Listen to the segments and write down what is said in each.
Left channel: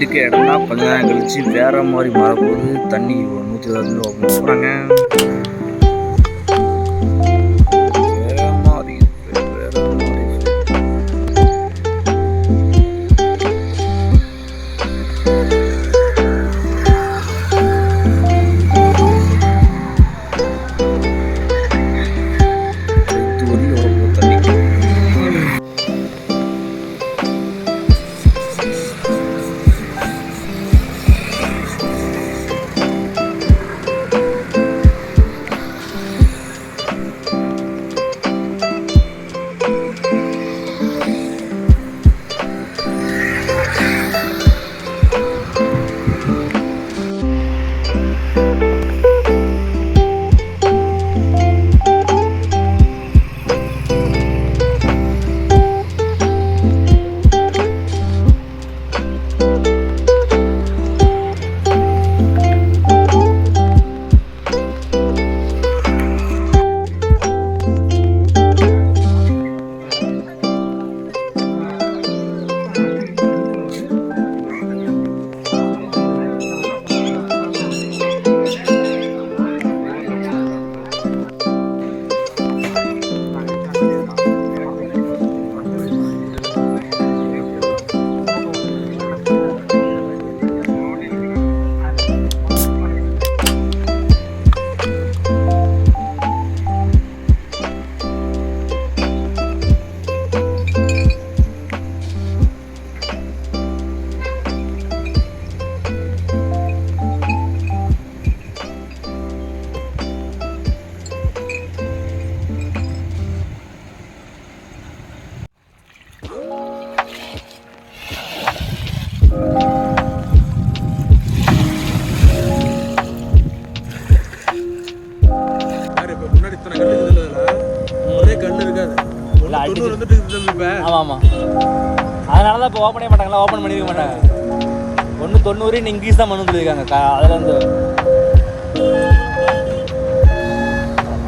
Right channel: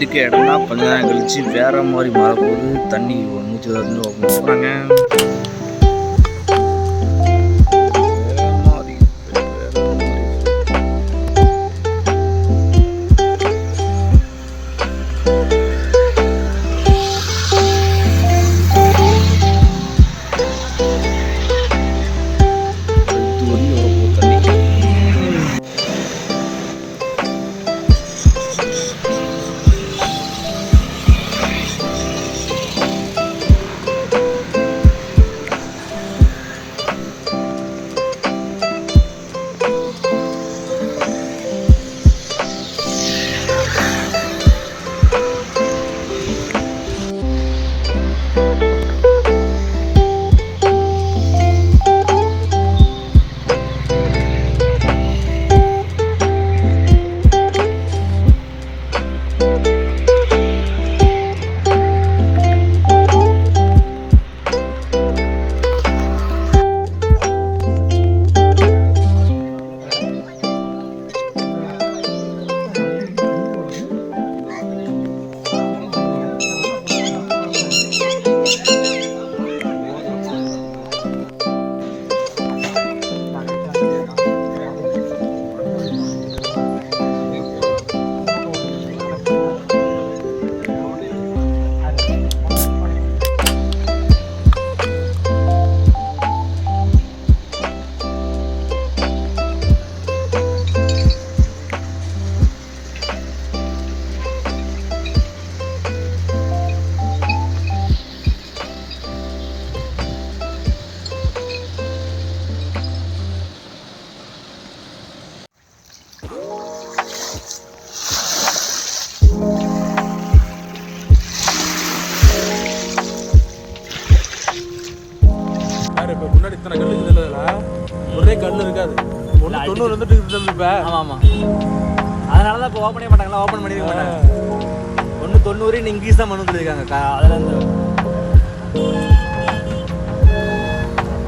இருக்க இடம்னா கொஞ்ச நேரம் கழிச்சு வேற மாதிரி மாறப்போகுது. தண்ணி நூற்றி இருபது ஓப்பன் போகிறாங்க இருக்குது இல்லைன்னா ஒரே கல் இருக்காது. ஒன்று தொண்ணூறு வந்துட்டு இருக்குது இப்ப ஆமாம் ஆமாம் அதனால தான் இப்போ ஓப்பனே மாட்டாங்களா? ஓப்பன் பண்ணிருக்க மாட்டாங்க. ஒன்று தொண்ணூறு இன்னும் தான் பண்ண சொல்லியிருக்காங்க. அதில் வந்து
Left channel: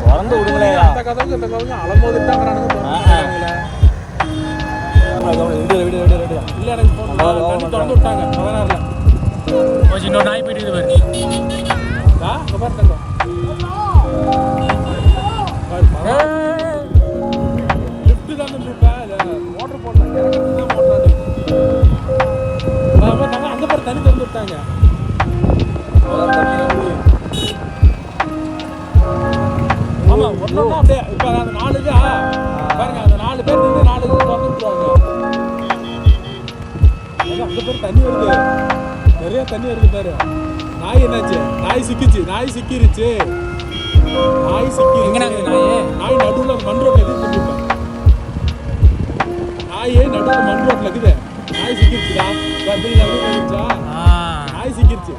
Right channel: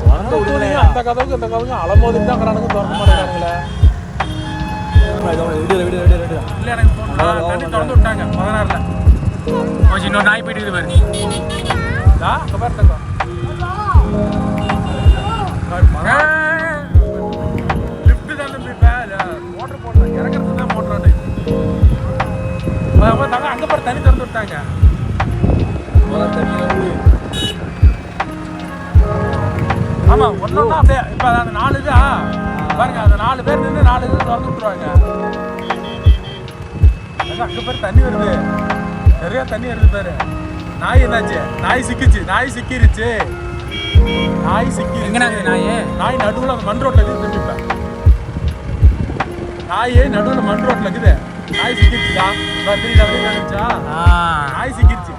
திறந்து விடுங்களேன். அந்த கதவுக்கு இந்த கதவுக்கு அலமோதுட்டாங்கிறானுங்க திறந்து கொஞ்சம் இன்னொரு நாய் போயிட்டு பாரு. ஆ ஆமா ஒன்னொன்னா அப்படியே. இப்ப அந்த நாலு இதா? பாருங்க அந்த நாலு பேர் நின்று நாலு இது திறந்து விட்டுருவாங்க. அங்க பேர் தண்ணி வருது. நிறைய தண்ணி வருது பாரு. நாய் என்னாச்சு? நாய் சிக்கிச்சு. நாய் சிக்கிருச்சு. நாய் சிக்கி இருக்குது நாய்? நாய் நடுவுல மண் ரோட்ல இருக்குது. நாய் நடுவுல மண் ரோட்ல இருக்குது. நாய் சிக்கிருச்சுடா. வெளியே வந்துச்சா நாய் சிக்கிருச்சு.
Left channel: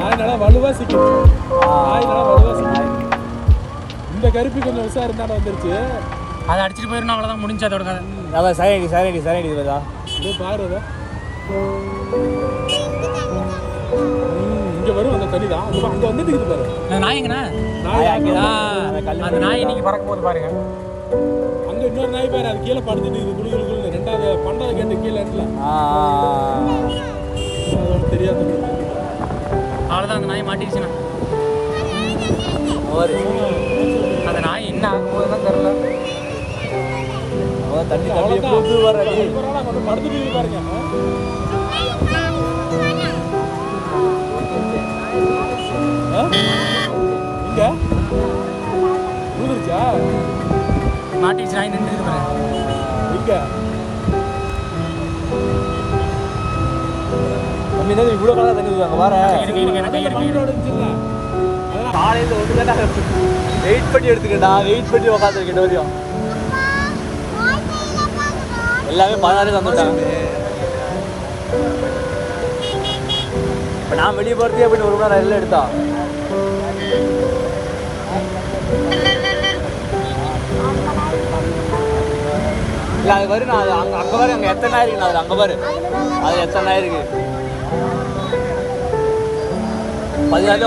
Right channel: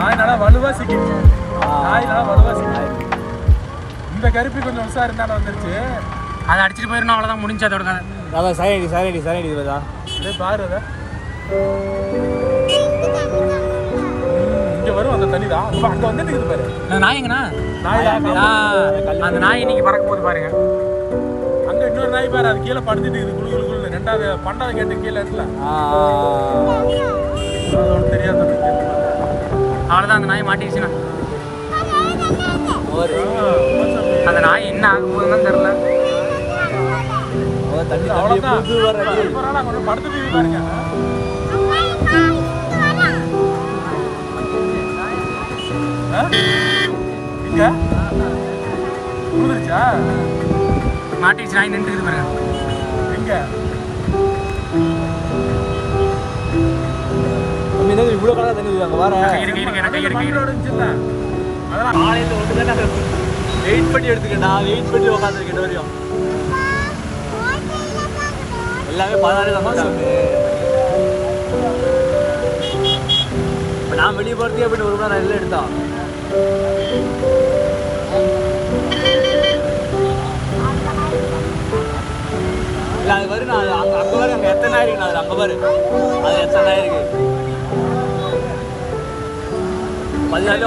நாய் நல்லா வலுவா சிக்கிருச்சு. நாய் கருப்பி கொஞ்சம் உஷார் இருந்தாலும் வந்துருச்சு. அதை அடிச்சிட்டு போயிடணும் அவ்வளோதான் முடிஞ்சு அதோட கதை. அதான் சைனடி சைனடி சைனடி பார்த்தா அப்படியே பாரு அதை. இங்க வரும் அந்த தண்ணி தான். இப்ப அங்க வந்துட்டு இருக்குது பாரு. அந்த நாய் எங்கண்ணா? நாய் அந்த நாய் இன்னைக்கு பறக்க போகுது பாருங்க. அங்க இன்னொரு நாய் பாரு அது கீழே படுத்துட்டு இருக்குது குளு குளு குளுன்னு. ரெண்டாவது பண்டாவது கேட்டு கீழே இருக்குல்ல. தெரியாது அவ்வளோதான் அந்த நாய் மாட்டிடுச்சுண்ணா. ஒரு அந்த நாய் என்ன ஆக போகுதுன்னு தெரில அவன் தண்ணி தண்ணி போட்டு வர கொஞ்சம் படுத்துட்டு இருக்குது பாருங்க? இங்க ஊதுருச்சா மாட்டிடுச்சு நாய் நின்றுக்குது பாருங்க என்ன இவ்வளோ கலர் தண்ணி ஊற்றுவாங்க வர. இருக்கு இருக்கு எனக்கு இருக்கு அதெல்லாம் காலையில் வெயிட் பண்ணி எடுத்துக்கிட்டா வெயிட் பண்ணி உட்காந்துருக்கேன் வரையும் எல்லாமே பதினாறு வந்துட்டாங்க இப்போ நான் வெளியே போகிறதே அப்படின்னு ஒரு மணி நேரம் எடுத்தா? இல்லை அது வரும் நான் அங்கே அங்கே வரும் அங்கே எத்தனை ஆயிருக்கு? நான் அது அங்கே பாரு. அது எத்தனை ஆயிருக்கு? பதினாலு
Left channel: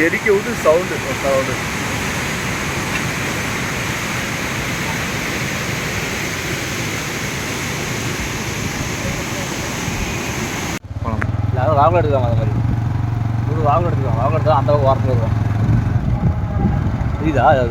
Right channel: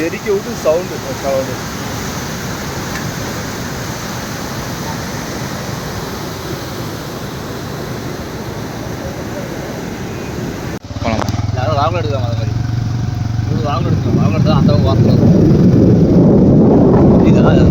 தெறிக்க விட்டு சவுண்டு சவுண்டு வாங்கல எடுக்காம அது மாதிரி வாங்கல எடுத்துக்கோங்க வாங்கல எடுத்தா அந்த வாரத்தில் இதா அது